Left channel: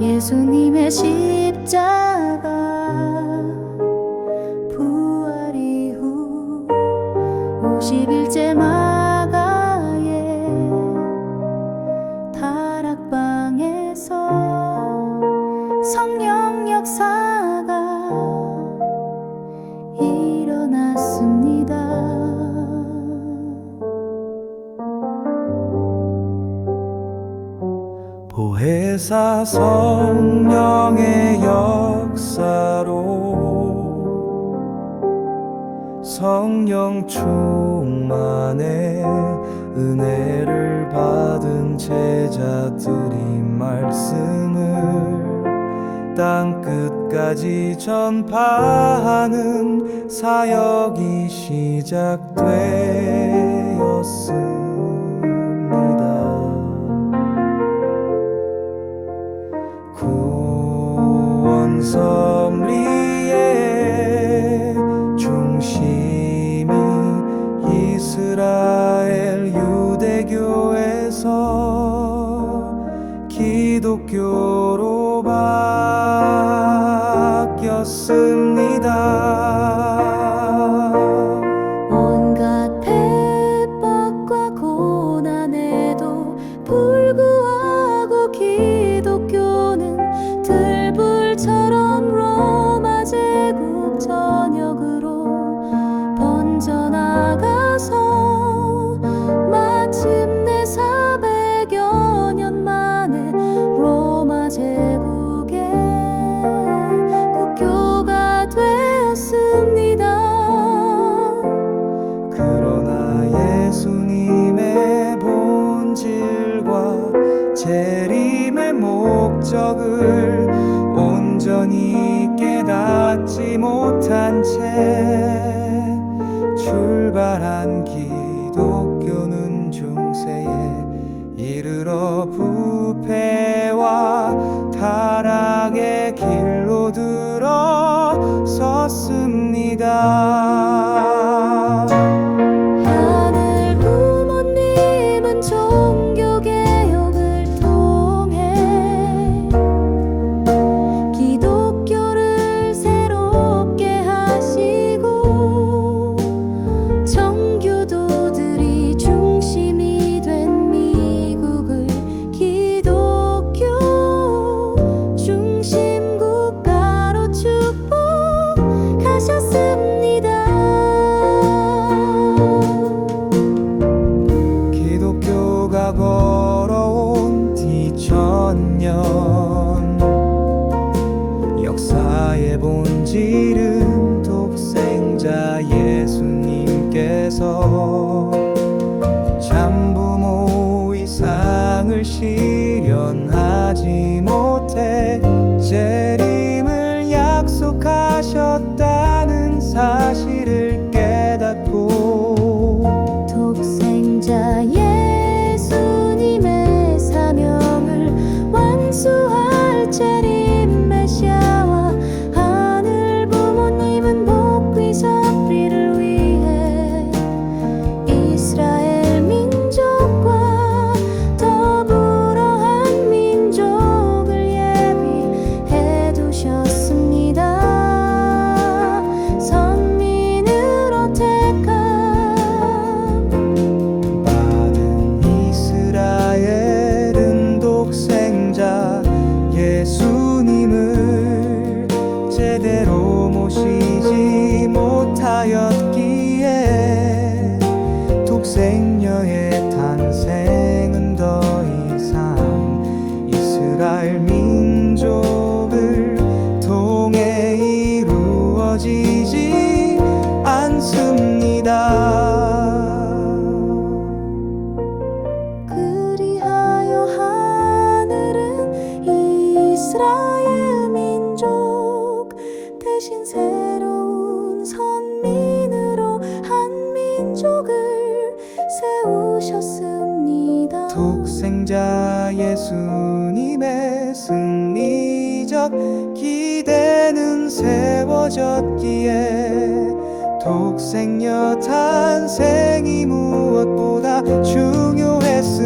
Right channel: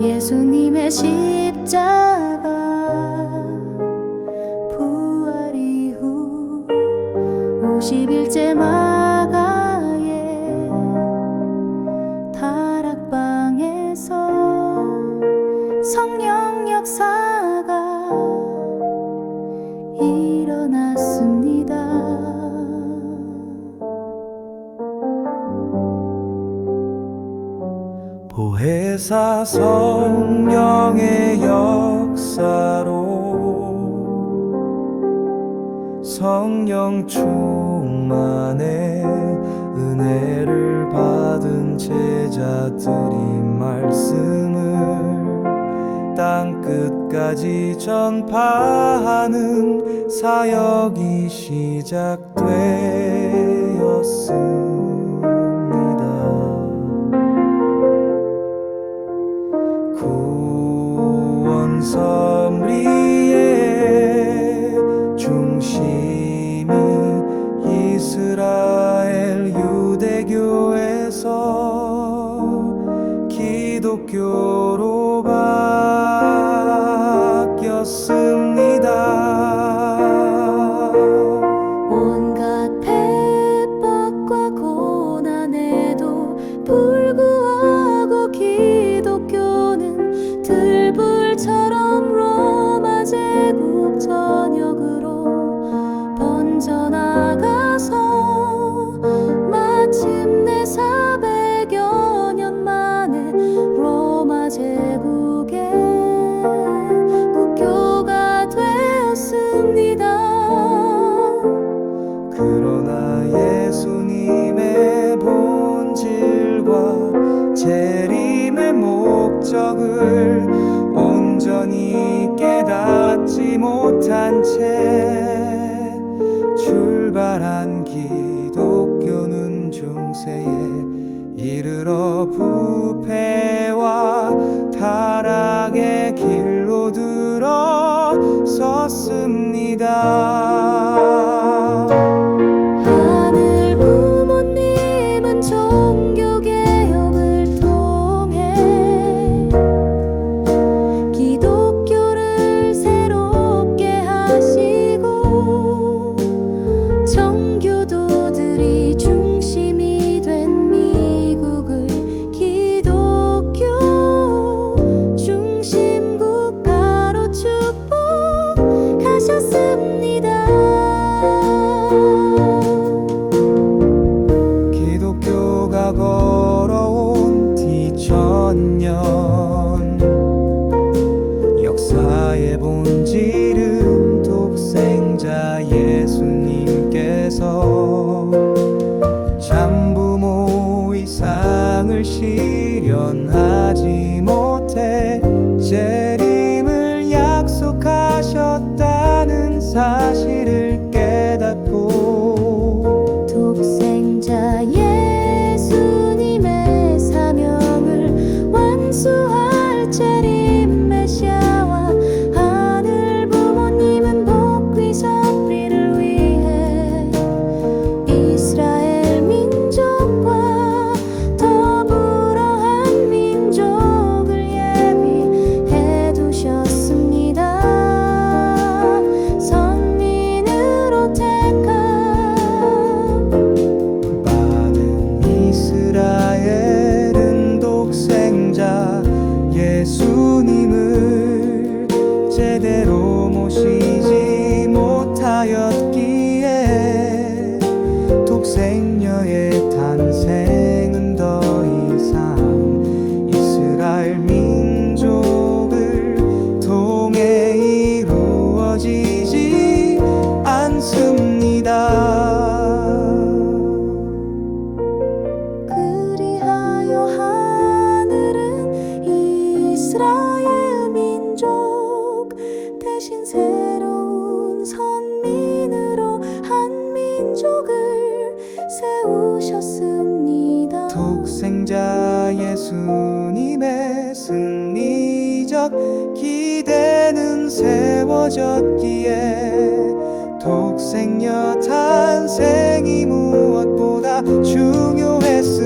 예수님의 십자가 부활 이후 50일째 마가의 다락방에서 성령 역사가 일어났습니다. 보혜사 성령의 역사로 성령 충만의 은혜를 받은 제자들이 말씀을 땅 끝까지 전파하는 사역이 시작되었습 원 섭리의 중심이 이스라엘 유대교에서 기독교로 바뀌었습니다. 번져나가서 마침내 400여 년 만에 로마 제국의 국교가 되었습니다. 그러나 예수님의 본질과 재림의 목적을 온전히 깨닫지 못한 채 출발한 기독교는 중세에 이르러 부패와 타락의 길로 들어 섰습니다. 하늘 부모님은 종 걸어온 뒤천년. 역사의 본질은 독생자 예수님께서 참부모 이상을 실현하지 못해 재림을 약속하셨다는 사실을 깨닫고 독생자 예 ചരി 예수님을 제대로 모시지 못하였기에 독생녀의 탄생은 더 이상 이스라엘 민족을 통해 이루어지지 않습니다. 대신 새로운 선민으로 한 민족을 세우셨습니다. 독생자 예수님의 승리적 기대는 세워졌기에 독생녀 탄생이 무엇보다 중요했습니다.